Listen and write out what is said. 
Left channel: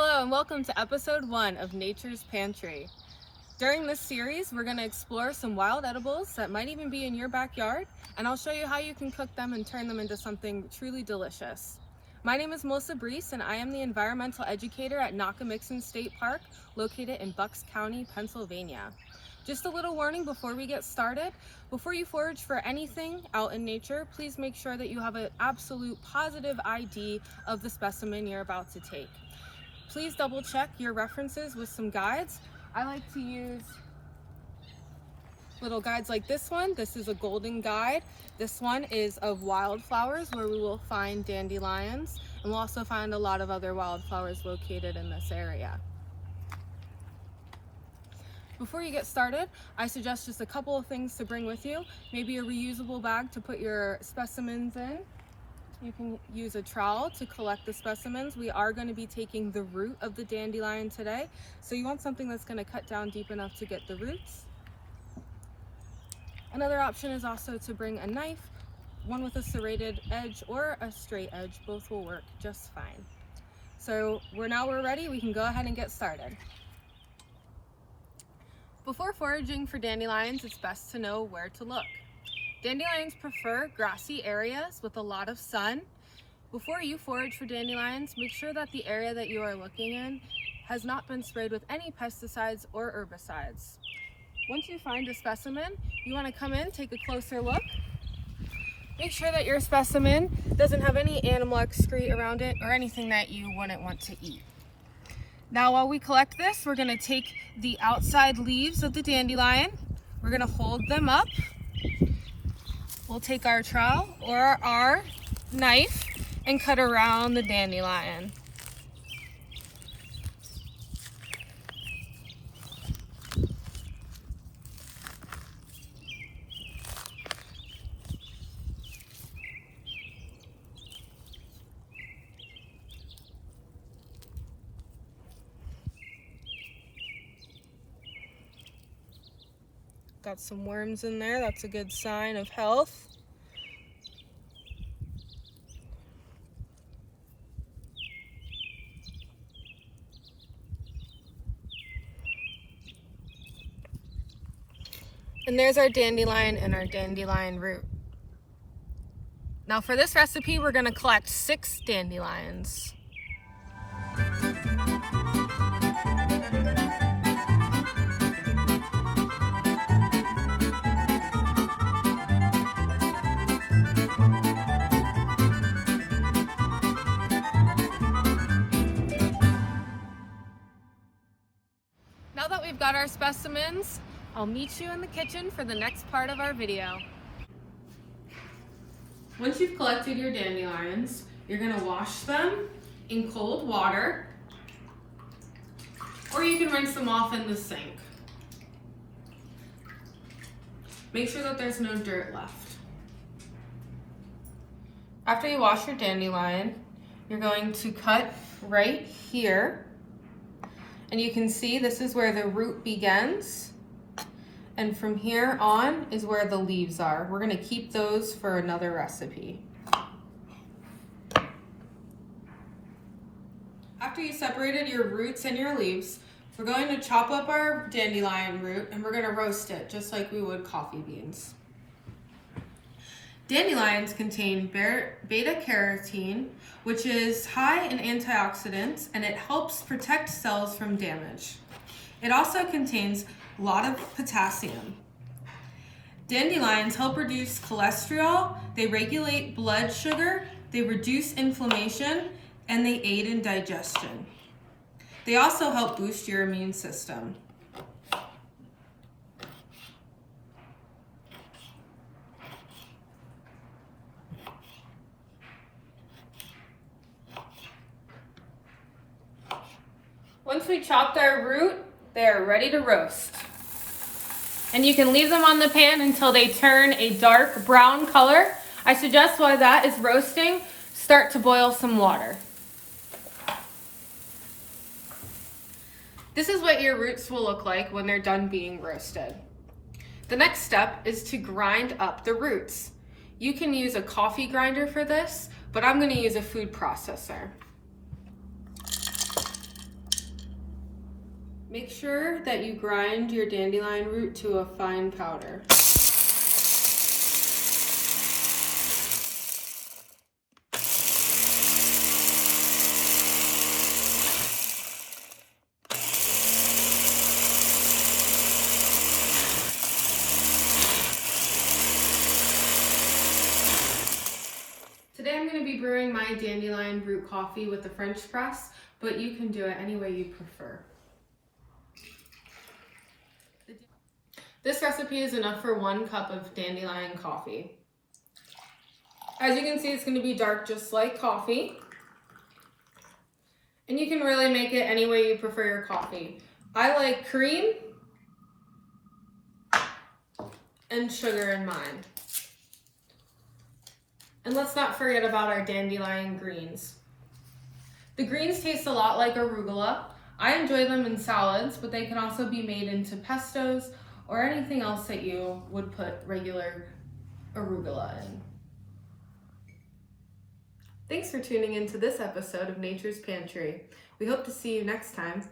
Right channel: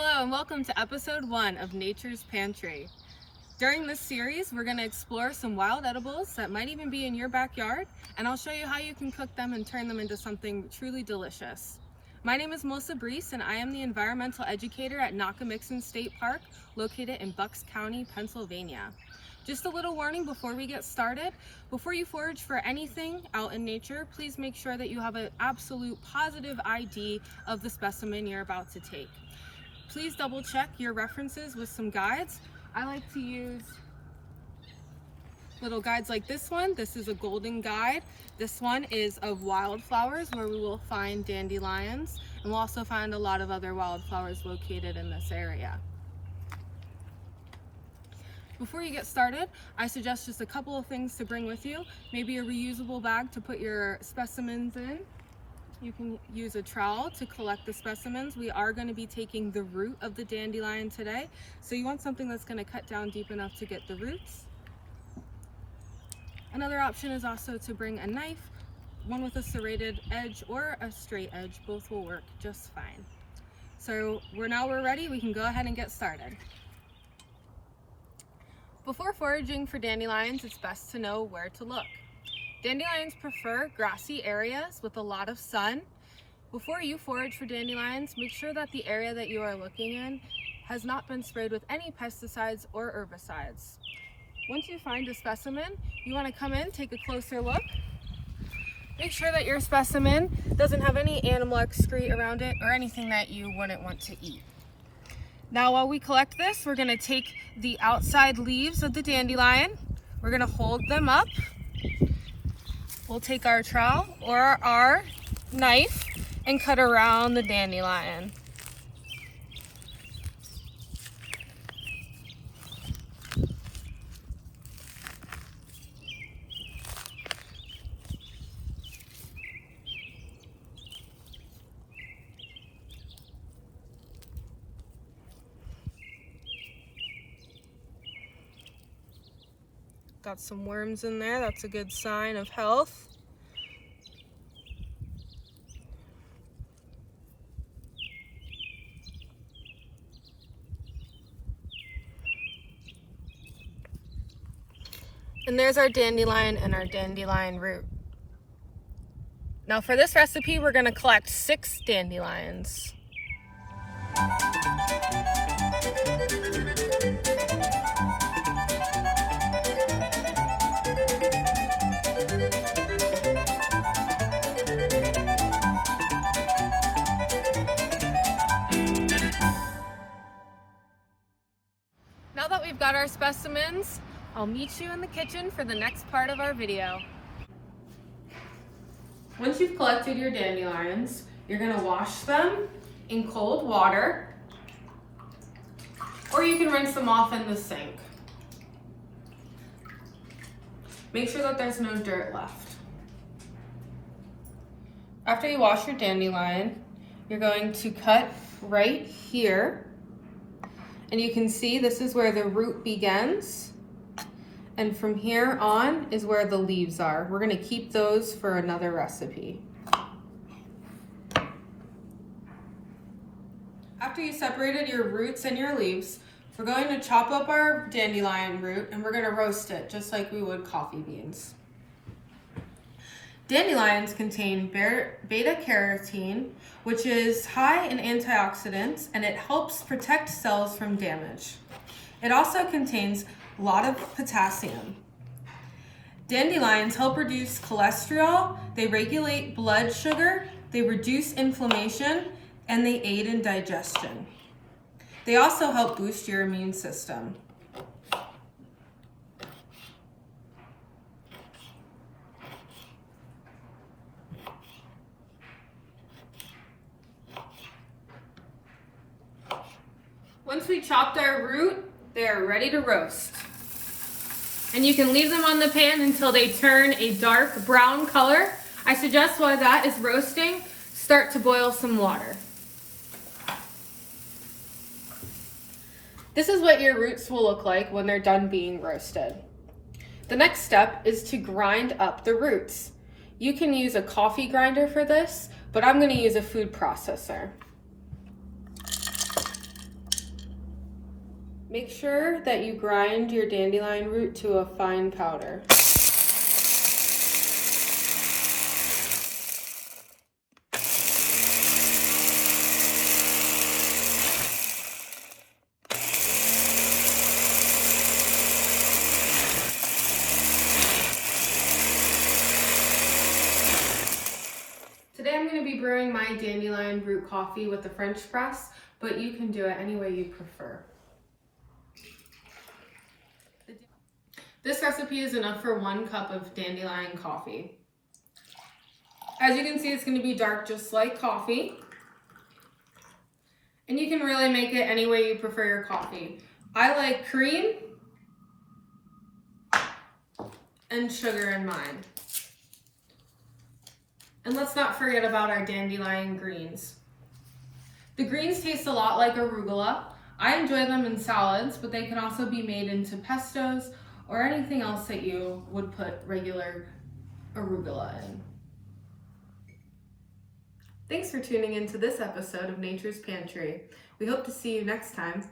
Hello and welcome to episode 1 of Nature's Pantry. During this series, we're going to explore some wild edibles that might even be in your backyard, and I'll show you how you can cook them and turn them into something truly delicious. My name is Melissa Brees, and I am the environmental educator at Nakamixon State Park, located in Bucks County, Pennsylvania. Just a little warning before we get started. Before you forage for anything out in nature, please make sure that you have an absolute positive ID of the specimen you're about to take. Please double check your references with some guides. I like to use little guides like this one. This is a golden guide. This one is of wildflowers, where we will find dandelions, and we'll also find a lot of other wildflowers located in this area. Before you get started, I suggest just a couple of things to bring with you. Maybe a reusable bag to put your specimens in. You can use a trowel to collect the specimens. We are going to be taking the root of the dandelion today, so you want something that's going to cut down deep enough to get the roots. Another option is also to bring a knife, one with a serrated edge or a straight edge. Both will work just fine. So now we're ready. We can go ahead and get started. Before foraging for dandelions, it's best to know where to look. Dandelions prefer grassy areas with a lot of sun. Before you forage for dandelions, make sure that the area that you are looking in has not been sprayed with any pesticides or herbicides. Once you find a specimen, you want to come in, take a closer look. Make sure that your specimen doesn't have any animal excrete around it or anything that you wouldn't want to eat. Now, while we collect this, we're going to take the outside leaves of the dandelion. We're going to hold them up. We'll take our trowel or our knife and cut around the dandelion. Got some worms in there. That's a good sign of health. And there's our dandelion and our dandelion root. Now for this recipe, we're going to collect 6 dandelions. Now that we've got our specimens, I'll meet you in the kitchen for the next part of our video. Once you've collected your dandelions, you're going to wash them in cold water, or you can rinse them off in the sink. Make sure that there's no dirt left. After you wash your dandelion, you're going to cut right here. And you can see this is where the root begins. And from here on is where the leaves are. We're going to keep those for another recipe. After you separated your roots and your leaves, we're going to chop up our dandelion root and we're going to roast it just like we would coffee beans. Dandelions contain beta-carotene, which is high in antioxidants, and it helps protect cells from damage. It also contains a lot of potassium. Dandelions help reduce cholesterol, they regulate blood sugar, they reduce inflammation, and they aid in digestion. They also help boost your immune system. Once we chopped our root, they are ready to roast. And you can leave them on the pan until they turn a dark brown color. I suggest while that is roasting, start to boil some water. This is what your roots will look like when they're done being roasted. The next step is to grind up the roots. You can use a coffee grinder for this, but I'm going to use a food processor. Make sure that you grind your dandelion root to a fine powder. Today I'm going to be brewing my dandelion root coffee with the French press, but you can do it any way you prefer. This recipe is enough for 1 cup of dandelion coffee. As you can see, it's going to be dark just like coffee. And you can really make it any way you prefer your coffee. I like cream and sugar in mine. And let's not forget about our dandelion greens. The greens taste a lot like arugula. I enjoy them in salads, but they can also be made into pestos or anything else that you would put regular arugula in. Thanks for tuning into this episode of Nature's Pantry. We hope to see you next time.